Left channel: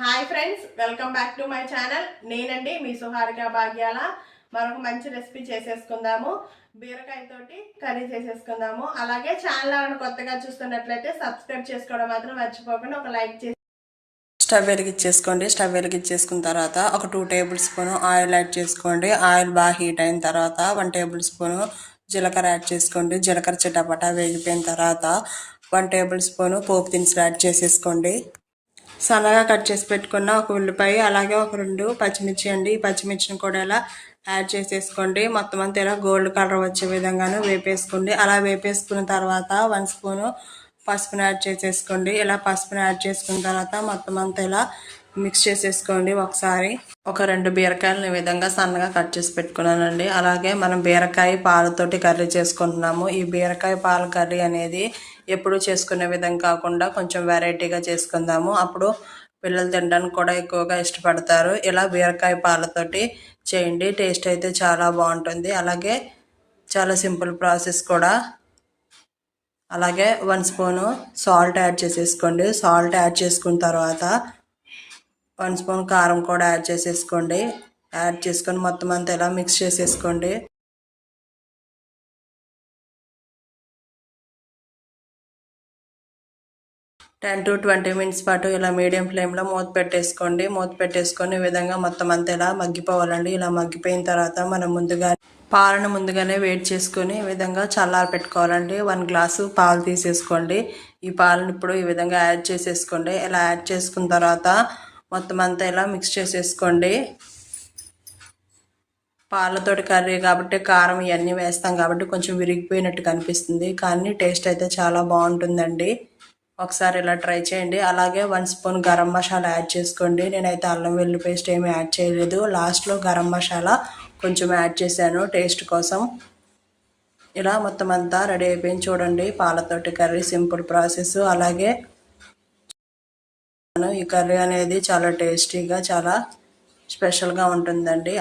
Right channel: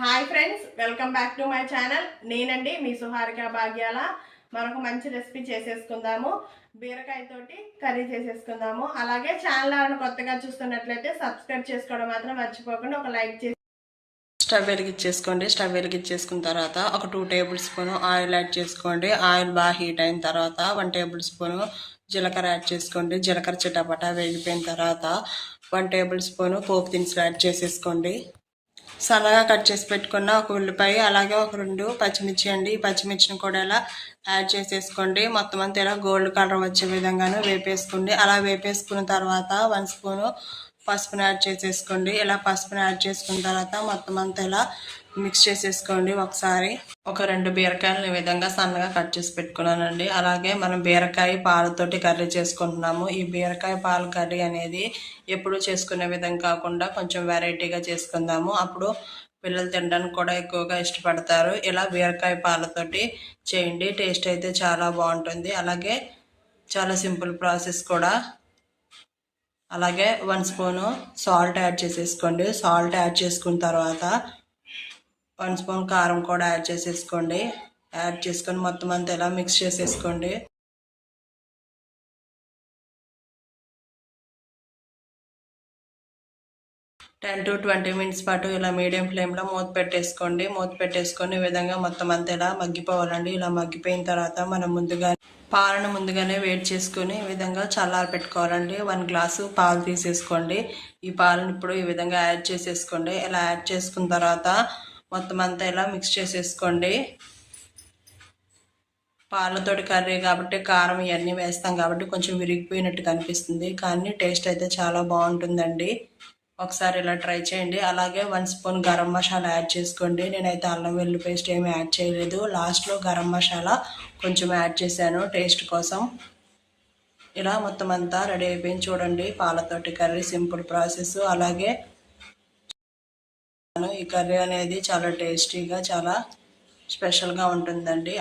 Hi friends, welcome back to my channel. నేనండి మీ సుహారిక భాగ్యాల. మరొక మంచి రెసిపీ చేసేసుకుందాము. బీరకాయతోటి కర్రీ చేసేసుకుందాము. అలాగే ఛానల్ కొత్తగా చూస్తున్నట్లయితే సబ్స్క్రైబ్ చేసుకోవడం మాత్రం మర్చిపోకుండా ఒక లైక్ చేసి స్టవ్ వెలిగించేసుకోండి. స్టవ్ వెలిగించేసుకున్న తర్వాత ఒక 2 టేబుల్ స్పూన్ ఆయిల్ యాడ్ చేసుకోండి. ఆయిల్ బాగా హీట్ అయిన తర్వాత 1 టేబుల్ స్పూన్ జీలకర్ర యాడ్ చేసుకోండి. జీలకర్ర చిటపటా వేగిపోయిన తర్వాత 1 టేబుల్ స్పూన్ పోపు దినుసులు యాడ్ చేసేసుకోండి. సన్నగా కట్ చేసి పెట్టుకున్న ఒక ఉల్లిపాయ, అలాగే ఒక 2 పచ్చిమిర్చి అండి. ఈ పచ్చిమిర్చిని కూడా ఇలా యాడ్ చేసేసుకోండి. మొత్తం అంతా ఇలా గోల్డ్ కలర్ వచ్చే విధంగానే వేపేసుకోండి. అలా వేపేసుకున్న తర్వాత 1 స్పూను పసుపుని యాడ్ చేసేసుకోండి. ఇలా పసుపుని యాడ్ చేసుకున్న తర్వాత మొత్తం అంతా ఇలా మిక్స్ చేసేసుకోండి ఒకసారి. ఒక 2 బీరకాయలు ఈ విధంగా సన్నగా కట్ చేసి పెట్టుకున్నానండి. అలాగే మనం బీరకాయ పాలతోటి కర్రీ చేసుకుంటున్నాము. ఈ బీరకాయ పాల కర్రీ అనేది ఎప్పుడు చేసుకునే విధంగా కాకుండా కొంచెం వెరైటీగా చేసుకుందాము. అప్పుడు పిల్లలు తినడానికి కూడా ఎక్కువగా ఇష్టపడతారు. ఇలా బీరకాయ పాలతోటి చేయండి. టేస్ట్ అయితే చాలా బాగుంటుంది. అలాగే చాలా సింపుల్ ప్రాసెస్ కూడా. అలాగే 1 స్పూను సాల్ట్ యాడ్ చేసేసుకోండి. సాల్ట్ యాడ్ చేసుకున్న తర్వాత 1 స్పూన్ కారం కూడా యాడ్ చేసేసుకోండి. యాడ్ చేసుకొని మొత్తం అంతా ఇలా మిక్స్ చేసేసుకోండి. టెన్ టు 20 మినిట్స్ పాటు ఇలా మీడియం ఫ్లేమ్లో మూత పెట్టేసుకోండి. మూత పెట్టేసుకొని ఈ విధంగా మొత్తం అంతా ఇలా మగ్గిపోవాలండి. ఇలా మగ్గిపోయిన తర్వాత మనం పాలను ముందుగానే వేడి చేసుకొని ఈ విధంగా చల్లారి పెట్టుకోవాలండి. 1 గ్లాసు పాలు తీసేసుకోండి. ఈ పాలను ఇప్పుడు ఈ విధంగా యాడ్ చేసేసుకోండి. ఇలా యాడ్ చేసుకున్న తర్వాత మొత్తం అంతా ఇలా మిక్స్ చేసేసుకోండి. పాలతోటి కర్రీ కాబట్టి కారం ఇవన్నీ వేస్తాం కాబట్టి కొంచెం విరిగిపోయినట్టు కనిపిస్తుంది, కానీ టేస్ట్ అయితే చాలా బాగుంటుందండి. ఒకసారి ఇలా ట్రై చేయండి. అలాగే 1 స్పూన్ గరం మసాలా యాడ్ చేసుకోండి. నేనైతే అల్లం వెల్లుల్లి పేస్ట్ ఏమీ యాడ్ చేయలేదు. లాస్ట్లో గరం మసాలా కొంచెం యాడ్ చేశాను టేస్ట్ కోసం. ఇలా మొత్తం అంతా రెడీ అయిపోయింది చూడండి. పాలతోటి కర్రీ సింపుల్ ప్రాసెస్. అలాగే ఈ కర్రీ అనేది చాలా టేస్టీగా చాలా స్పెషల్గా ఉంటుందండి.